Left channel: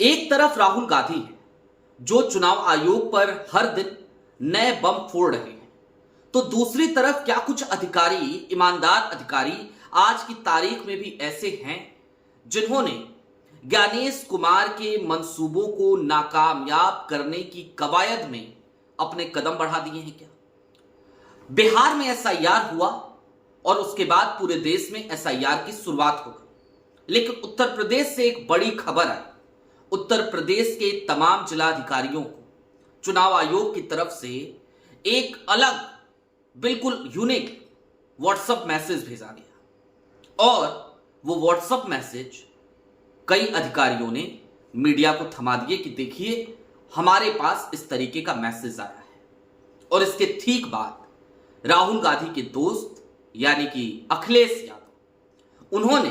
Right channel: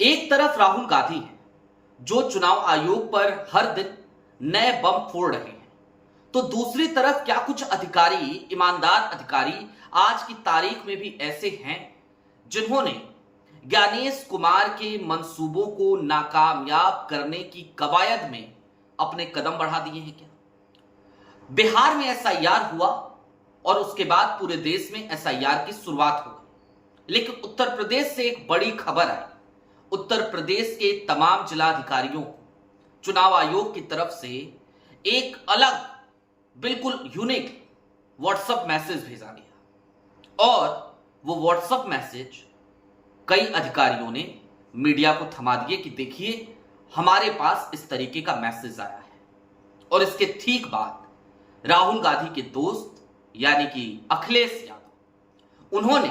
एक तरफ राहुल गांधी है जो चुनाव आयोग पर हर दिन नए बम फोड़ रहे हैं, तो दूसरी तरफ क्या कुछ अधिकारी, ईमानदार अधिकारी आज की तारीख में भी ऐसे हैं जिन्होंने ज्ञानेश कुमार के मंसूबों को नाकामयाब करने की कवायद में अपने कदम बढ़ा दिए हैं क्या? बिहार में एसआईआर हुआ और उसके बाद पूरे देश में एसआईआर की शुरुआत हो गई, लेकिन उत्तर प्रदेश से एक बड़ी खबर आई। उत्तर प्रदेश के तमाम जिलाधिकारियों को चुनाव आयोग की तरफ से एक अलग, बिल्कुल यूनिक व्हाट्सएप मैसेज भेजा गया और वो व्हाट्सएप मैसेज कई अधिकारियों ने मीडिया को थमा दिए कि देखिए हमारे पास इस तरीके का मैसेज आया है। और इसके ठीक बाद राहुल गांधी के दोस्त यानी कि अखिलेश यादव, उन्होंने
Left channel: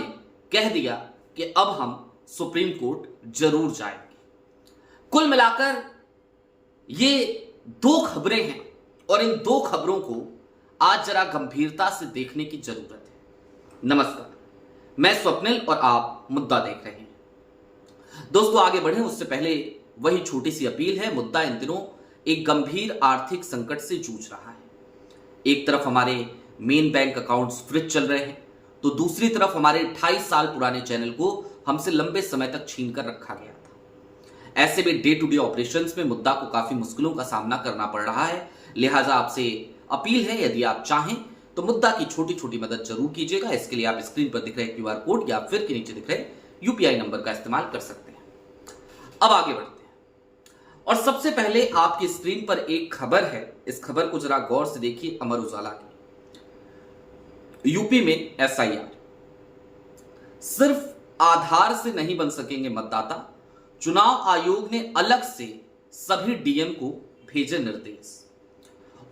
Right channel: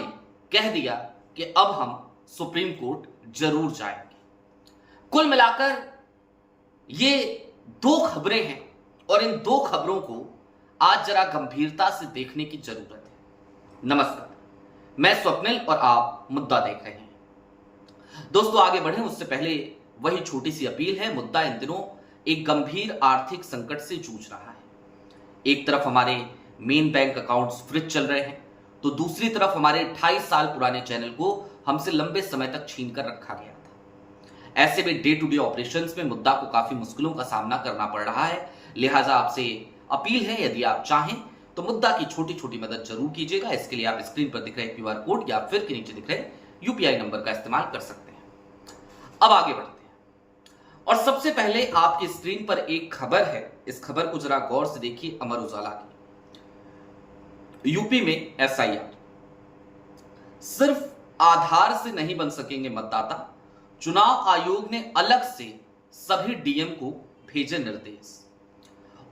कह दिया कि अब हम सुप्रीम कोर्ट जरूर जाएंगे। कुल मिलाकर ये दो खबरें हैं और इन दो खबरों को आज जरा गंभीरता से देखने की जरूरत है। नमस्कार, मैं स्वप्निल और आप मुद्दा देख रहे हैं। दोस्तों, आगे बढ़े उससे पहले वही छोटी सी अपील है। मुद्दा इन दिनों एक गंभीर आर्थिक संकट से जूझ रहा है। एक तरफ हमारे मेन बैंक अकाउंट्स फ्रीज चल रहे हैं, तो दूसरी तरफ हमारे 28 साल पुराने चैनल को हमसे लंबे समय तक छीन कर रखा गया था। ऐसे में डे टू डे ऑपरेशंस में मुद्दा को काफी मुश्किलों का सामना करना पड़ रहा है। लिहाजा आपसे अपील है, यदि आप चाहें तो मुद्दा की छोटी छोटी मदद जरूर कीजिएगा। इसके लिए आप स्क्रीन पर दिख रहे क्यूआर कोड या फिर के नीचे दिख रहे यूपीआई नंबर का इस्तेमाल कर सकते हैं। अब आगे बढ़ते हैं और सबसे पहले आपकी स्क्रीन पर एक खबर है। इस खबर को जरा गौर से देखिए। अमर उजाला की यूपी में एसआईआर, सिर्फ आधार से नहीं बन सकेंगे मतदाता। चुनाव आयोग ने अलग से सभी डीएम को भेजे निर्देश,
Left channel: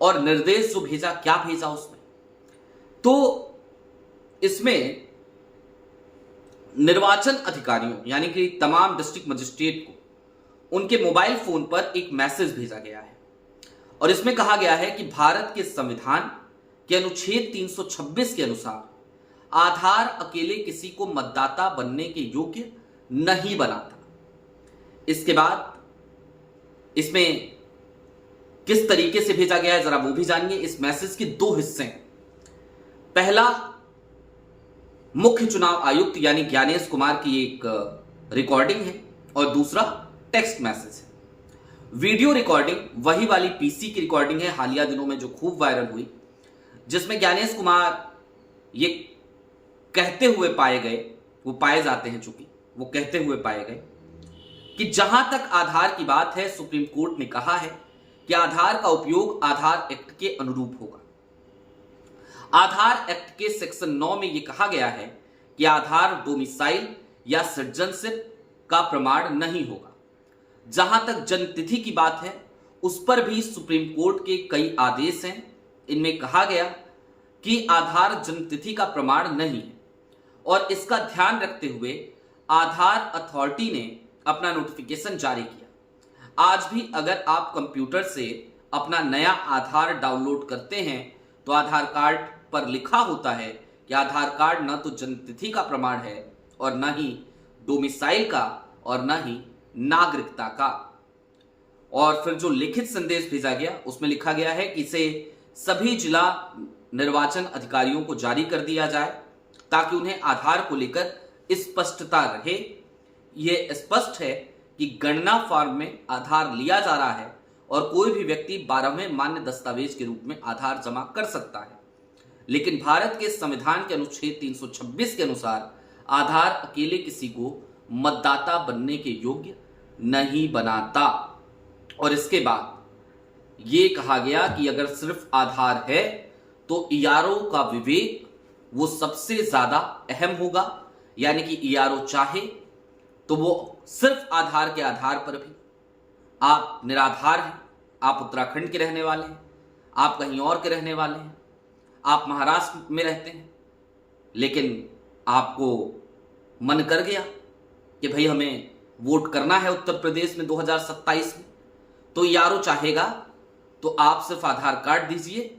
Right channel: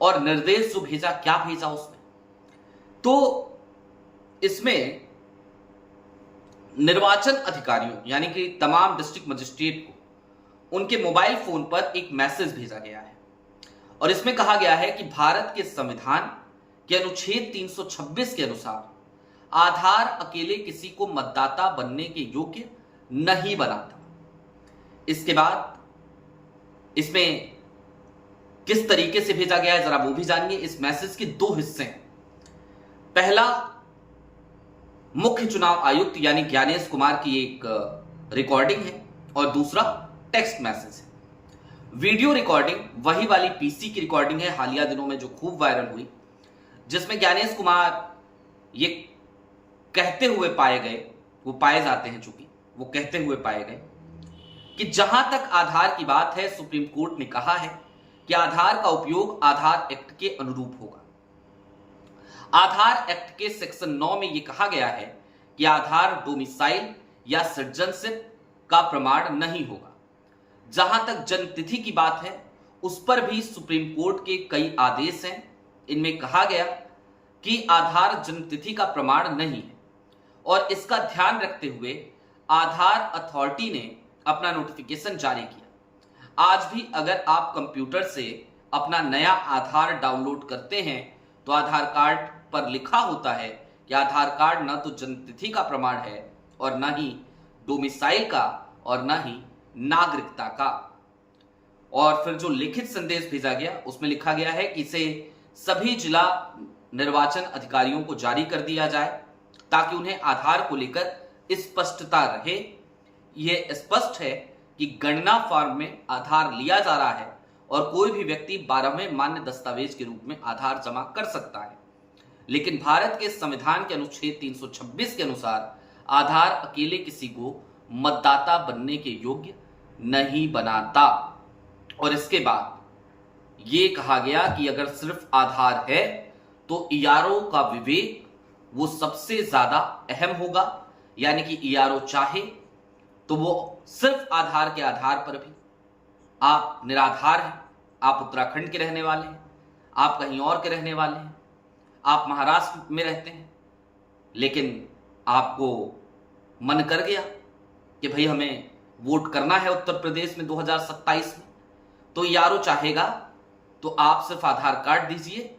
और निर्देश जो भेजा, क्या भेजा उसमें, तो इसमें निर्वाचन अधिकारियों यानी कि तमाम डिस्ट्रिक्ट मजिस्ट्रेट को उनके मोबाइल फोन पर एक मैसेज भेजा गया है और इसमें कहा गया है कि भारत के संविधान के अनुच्छेद 326 के अनुसार आधार अकेले किसी को मतदाता बनने के योग्य नहीं बनाता। इसके बाद इसमें किस तरीके से भेजा गया है जरा वो भी जानिए। इस मैसेज के दो हिस्से हैं। पहला, मुख्य चुनाव आयुक्त यानी ज्ञानेश कुमार की एक रिकॉर्डिंग है और दूसरा टेक्स्ट मैसेज है। वीडियो रिकॉर्डिंग वही वाली पीसी की रिकॉर्डिंग है हालिया दिनों में जो खूब वायरल हुई, जिसमें ज्ञानेश कुमार ये कहते हुए पाए गए, वो पाए जाते हैं चूंकि वो कहते हुए पाए गए कि जहां तक आधार की बात है, सुप्रीम कोर्ट ने कहा है कि आधार का उपयोग आधार एक्ट के अनुरूप होगा। आधार एक्ट के सेक्शन 9 में यह कहा गया है कि आधार डोमिसाइल या सिटीजनशिप का प्रमाण नहीं होगा। जहां तक जन्मतिथि की बात है, उस पर भी सुप्रीम कोर्ट के कई आदेश हैं। इनमें कहा गया कि आधार जन्मतिथि का प्रमाण नहीं है और इसका ध्यान रखते हुए आधार अथॉरिटी ने अपना नोटिफिकेशन जारी किया। आज भी अगर आप कंप्यूटर से अपना नया आधार डाउनलोड करते हैं तो आधार कार्ड पर लिखा होता है कि आधार कार्ड न तो जन्मतिथि का प्रमाण है और न ही डोमिसाइल का और न ही नागरिकता का। और फिर जो लिखित संदेश भेजा गया उसमें लिखा गया है कि इसे सभी जिला निर्वाचन अधिकारियों को जारी कर दिया जाए ताकि उन्हें आधार को लेकर स्पष्टता रहे। यह स्पष्ट है कि गणना फॉर्म में आधार लिया जा रहा है और कोई भी व्यक्ति 12वें मान्य दस्तावेज के रूप में आधार जमा कर सकता है, लेकिन भारत के संविधान के अनुच्छेद 326 के अनुसार आधार अकेले किसी को मतदाता बनने के योग्य नहीं बनाता। और इसके बाद यह कहा गया कि अगर सिर्फ आधार है तो ईआरओ का विवेक वो सबसे ज्यादा अहम होगा, यानी कि ईआरओ चाहे तो वो सिर्फ आधार के आधार पर भी, आप निराधार हैं, आप उत्तराखंड के रहने वाले हैं, आप कहीं और के रहने वाले हैं, आप महाराष्ट्र में रहते हैं, लेकिन आपको मन कर गया कि भाई हमें वोट करना है उत्तर प्रदेश में 2027 में, तो ईआरओ चाहेगा तो आप सिर्फ आधार कार्ड दीजिए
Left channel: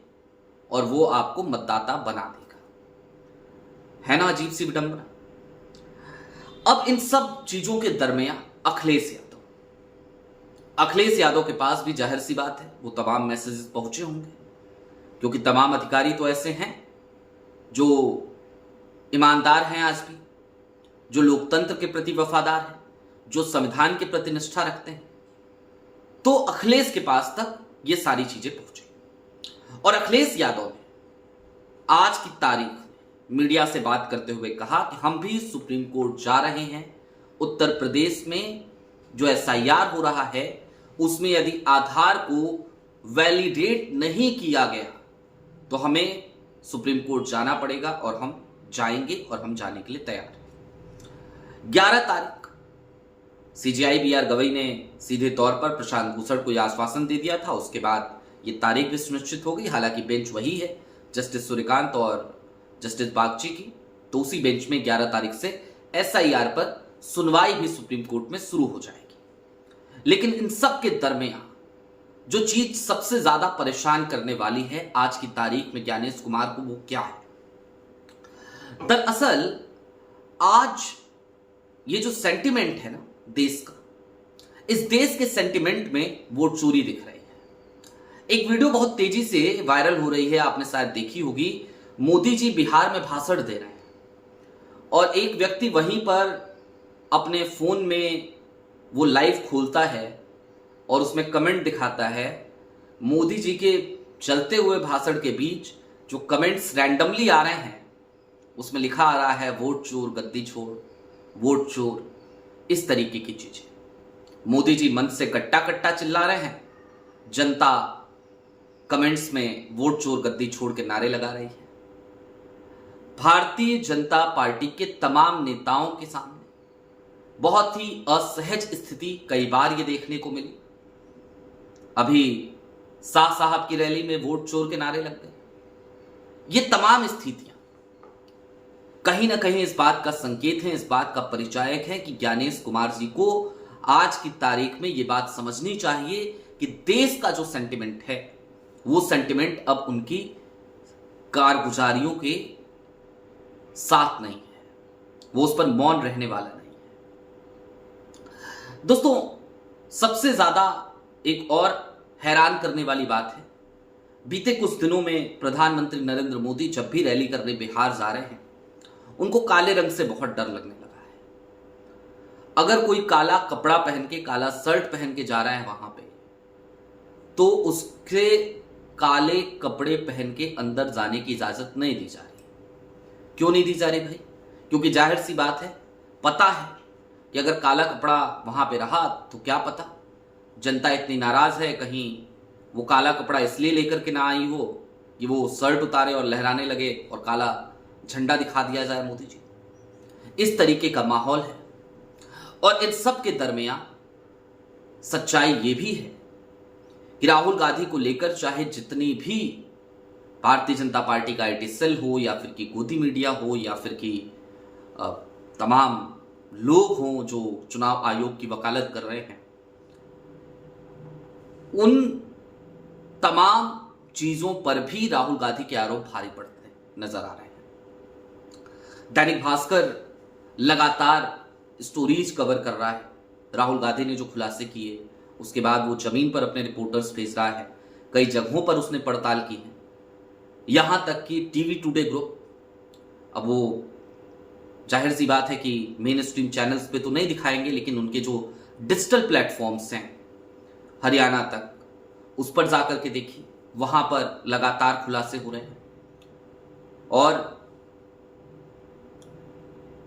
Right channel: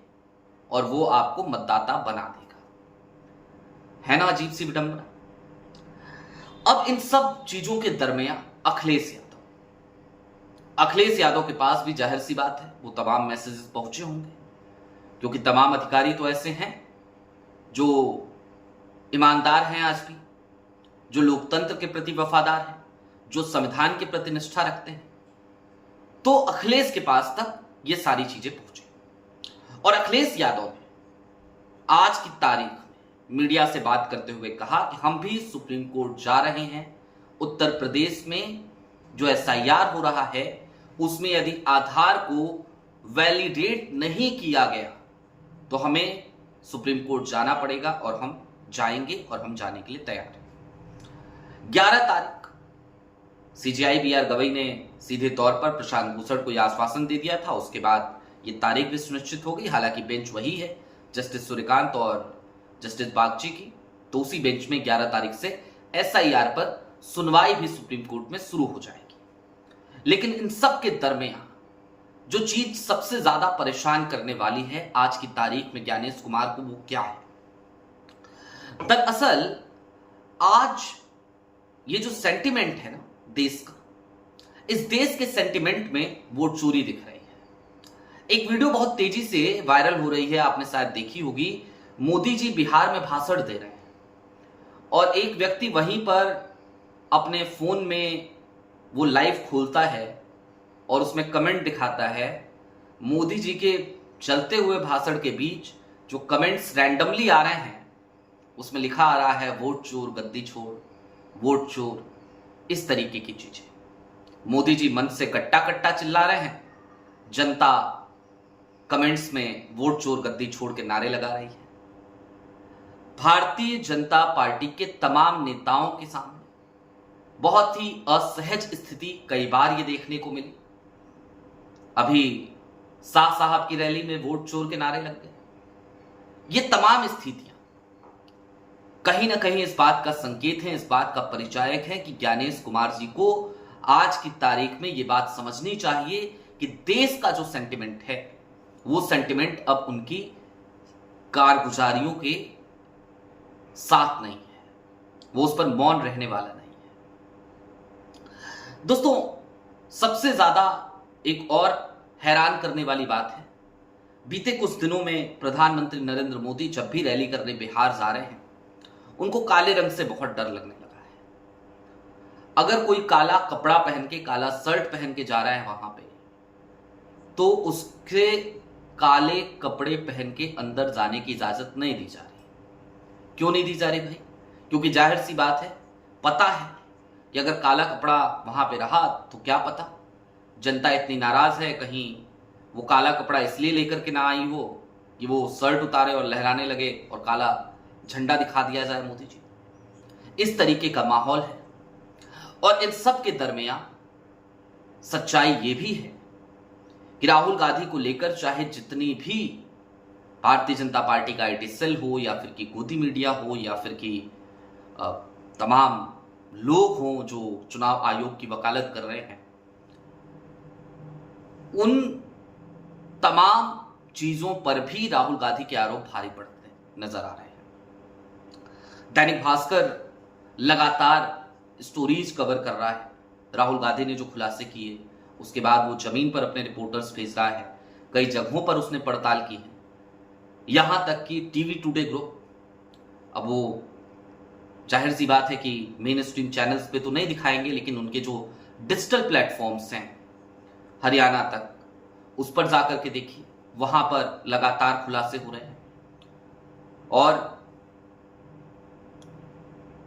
और वो आपको मतदाता बना देगा। है ना अजीब सी विडंबना। अब इन सब चीजों के दरमियान अखिलेश यादव। अखिलेश यादव के पास भी जाहिर सी बात है वो तमाम मैसेजेस पहुंचे होंगे, क्योंकि तमाम अधिकारी तो ऐसे हैं जो ईमानदार हैं आज भी, जो लोकतंत्र के प्रति वफादार हैं, जो संविधान के प्रति निष्ठा रखते हैं। तो अखिलेश के पास तक ये सारी चीजें पहुंची और अखिलेश यादव ने आज की तारीख मीडिया से बात करते हुए कहा कि हम भी सुप्रीम कोर्ट जा रहे हैं। उत्तर प्रदेश में जो एसआईआर हो रहा है उसमें यदि आधार को वैलिडेट नहीं किया गया तो हमें सुप्रीम कोर्ट जाना पड़ेगा और हम जाएंगे और हम जाने के लिए तैयार हैं। 11 तारीख सीजेआई बीआर गवई ने सीधे तौर पर प्रशांत भूषण को यह आश्वासन दे दिया था। उसके बाद ये तारीख भी सुनिश्चित हो गई। हालांकि बेंच वही है, जस्टिस सूर्यकांत और जस्टिस बागची की। तो उसी बेंच में 11 तारीख से एसआईआर पर सुनवाई भी सुप्रीम कोर्ट में शुरू हो जाएगी। लेकिन इन सब के दरमियान जो चीज सबसे ज्यादा परेशान करने वाली है आज की तारीख में ज्ञानेश कुमार को, वो क्या है? दरअसल आज ये जो सेंटिमेंट है ना देश का, इस देश के सेंटिमेंट में वोट चोरी दिख रही है। एक वीडियो बहुत तेजी से वायरल हो रही है, आपने शायद देखी होगी। मोदी जी बिहार में भाषण दे रहे हैं और एक व्यक्ति वहीं पर अपने फोन में वो लाइव खोलता है और उसमें कमेंट दिखाता है। मोदी जी के चलते हुए भाषण के बीच जो कमेंट्स रैंडमली आ रहे हैं उसमें लिखा आ रहा है वोट चोर गद्दी छोड़, वोट चोर, इस तरीके की चीजें। मोदी जी मंच से कट्टा कट्टा चिल्ला रहे हैं, जनता कमेंट्स में वोट चोर गद्दी छोड़ के नारे लगा रही है। भारतीय जनता पार्टी के तमाम नेताओं के सामने बहुत ही असहज स्थिति कई बार ये देखने को मिली। अभी शाह साहब की रैली में वोट चोर के नारे लग गए। ये तमाम स्थितियां कहीं ना कहीं इस बात का संकेत है, इस बात का परिचायक है कि ज्ञानेश कुमार जी को आज की तारीख में ये बात समझनी चाहिए कि देश का जो सेंटिमेंट है वो सेंटिमेंट अब उनकी कारगुजारियों के साथ नहीं है, वो उस पर मौन रहने वाला नहीं है। दोस्तों, सबसे ज्यादा एक और हैरान करने वाली बात है, बीते कुछ दिनों में प्रधानमंत्री नरेंद्र मोदी जब भी रैली करने बिहार जा रहे हैं उनको काले रंग से बहुत डर लगने लगा है। अगर कोई काला कपड़ा पहन के, काला शर्ट पहन के जा रहा है वहां पे, तो उसके काले कपड़े पहन के अंदर जाने की इजाजत नहीं दी जा रही। क्यों नहीं दी जा रही भाई? क्योंकि जाहिर सी बात है, पता है कि अगर काला कपड़ा वहां पे रहा तो क्या पता जनता इतनी नाराज है, कहीं वो काला कपड़ा इसलिए लेकर के ना आई हो कि वो शर्ट उतारे और लहराने लगे और काला झंडा दिखा दिया जाए मोदी जी। इस तरीके का माहौल है। और इन सब के दरमियान सच्चाई ये भी है कि राहुल गांधी को लेकर चाहे जितनी भी भारतीय जनता पार्टी का आईटी सेल हो या फिर की गोदी मीडिया हो या फिर की तमाम लोग हों जो चुनाव आयोग की वकालत कर रहे हैं, उन तमाम चीजों पर भी राहुल गांधी के आरोप भारी पड़ते नजर आ रहे हैं। दैनिक भास्कर लगातार स्टोरीज कवर कर रहा है। राहुल गांधी ने जो खुलासे किए उसके बाद वो जमीन पर अपने रिपोर्टर्स भेज रहा है, कई जगहों पर उसने पड़ताल की है, यहां तक कि टीवी टुडे ग्रुप, अब वो जाहिर सी बात है कि मेन स्ट्रीम चैनल्स पे तो नहीं दिखाएंगे, लेकिन उनके जो डिजिटल प्लेटफॉर्म्स हैं हरियाणा तक, उस पर जाकर के देखिए, वहां पर लगातार खुलासे हो रहे हैं। और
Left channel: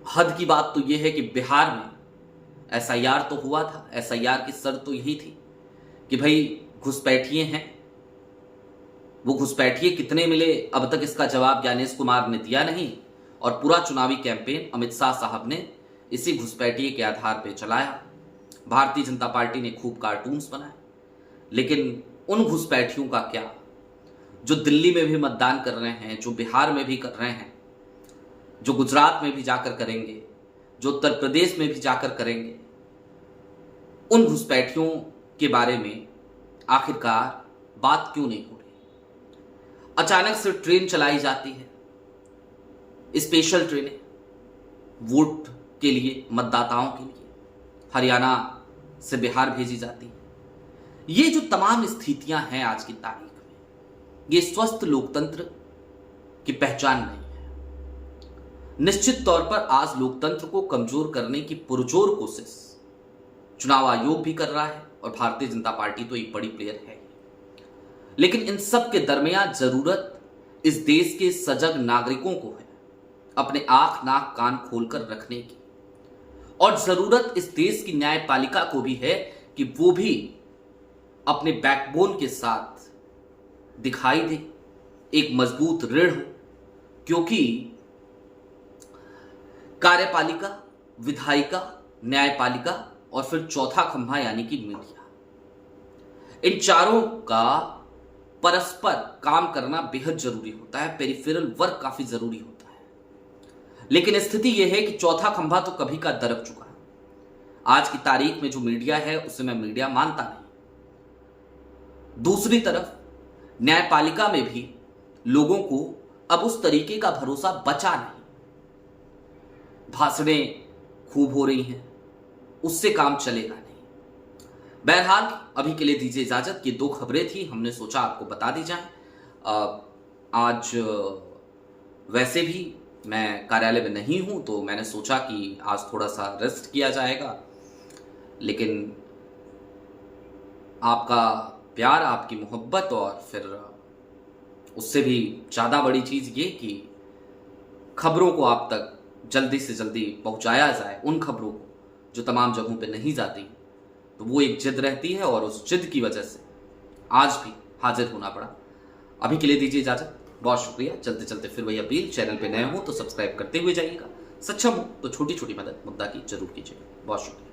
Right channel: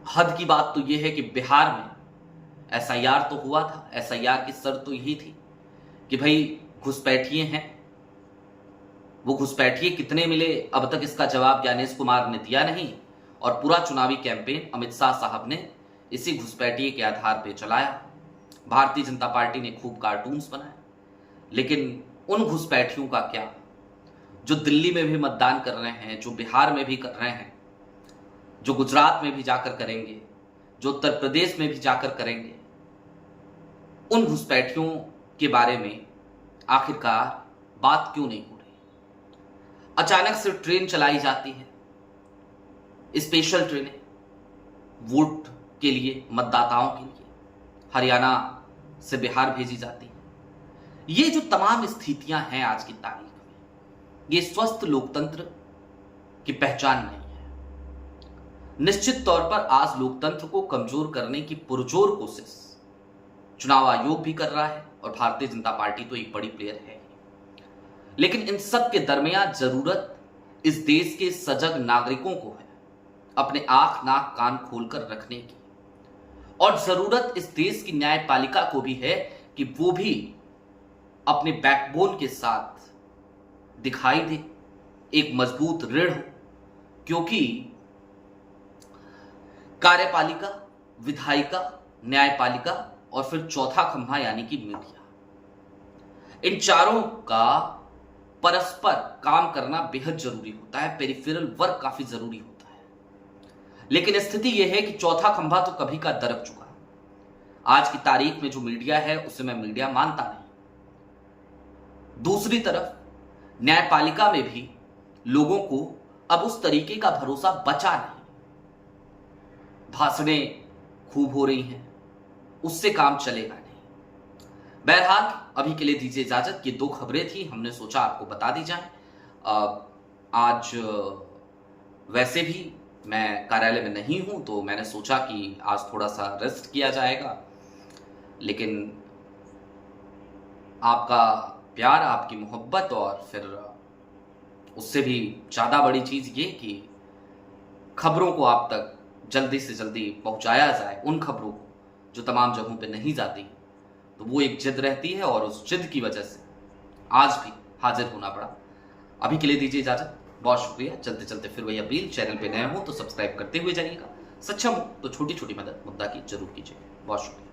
हद की बात तो यह है कि बिहार में एसआईआर तो हुआ था, एसआईआर की शर्त तो यही थी कि भाई घुसपैठिए हैं, वो घुसपैठिए कितने मिले अब तक इसका जवाब ज्ञानेश कुमार ने दिया नहीं। और पूरा चुनावी कैंपेन अमित शाह साहब ने इसी घुसपैठिए के आधार पर चलाया। भारतीय जनता पार्टी ने खूब कार्टून्स बनाए, लेकिन उन घुसपैठियों का क्या जो दिल्ली में भी मतदान कर रहे हैं, जो बिहार में भी कर रहे हैं, जो गुजरात में भी जाकर करेंगे, जो उत्तर प्रदेश में भी जाकर करेंगे, उन घुसपैठियों के बारे में आखिरकार बात क्यों नहीं हो रही? अचानक से ट्रेन चलाई जाती है, स्पेशल ट्रेनें वोट के लिए, मतदाताओं के लिए। हरियाणा से बिहार भेजी जाती है। ये जो तमाम स्थितियां हैं आज की तारीख में, ये स्वस्थ लोकतंत्र की पहचान नहीं है। निश्चित तौर पर आज लोकतंत्र को कमजोर करने की पुरजोर कोशिश चुनाव आयोग भी कर रहा है और भारतीय जनता पार्टी तो एक बड़ी प्लेयर है। लेकिन इन सब के दरमियान जरूरत इस देश के सजग नागरिकों को है अपने आंख नाक कान खोलकर रखने की, और जरूरत इस देश की न्यायपालिका को भी है कि वो भी अपने बैकबोन के साथ दिखाई दे, एक मजबूत रीढ़ हो। क्योंकि कार्यपालिका, विधायिका, न्यायपालिका और फिर चौथा खंभा यानी कि मीडिया, इन चारों का परस्पर काम करना बेहद जरूरी होता है। पेरिफेरल वर्क काफी जरूरी होता है। लेकिन स्थिति यह है कि चौथा खंभा तो कभी का दरक चुका है। आज की तारीख में जो मीडिया है उसे मैं मीडिया मानता नहीं। दूसरी तरफ न्यायपालिका में भी लोगों को अब उस तरीके का भरोसा बचा नहीं। भाषणें खूब हो रही हैं, उससे काम चलेगा नहीं। बहरहाल अभी के लिए दीजिए इजाजत। ये दो खबरें थी, हमने सोचा आपको बता दी जाए। आज वैसे भी मैं कार्यालय में नहीं हूं, तो मैंने सोचा कि आज थोड़ा सा रेस्ट किया जाएगा। लेकिन आपका प्यार, आपकी मोहब्बत और फिर उससे भी ज़्यादा बड़ी चीज़ ये कि खबरों को आप तक जल्दी से जल्दी पहुंचाया जाए, उन खबरों को जो तमाम जगहों पे नहीं जाती, तो वो एक जिद रहती है और उस जिद की वजह से आज भी हाजिर होना पड़ा। अभी के लिए दीजिए इजाजत, बहुत शुक्रिया। चलते चलते फिर वही अपील, चैनल पे नए हो तो सब्सक्राइब करते हुए जाइएगा, सक्षम हो तो छोटी छोटी मदद मुद्दा की जरूर कीजिएगा। बहुत शुक्रिया।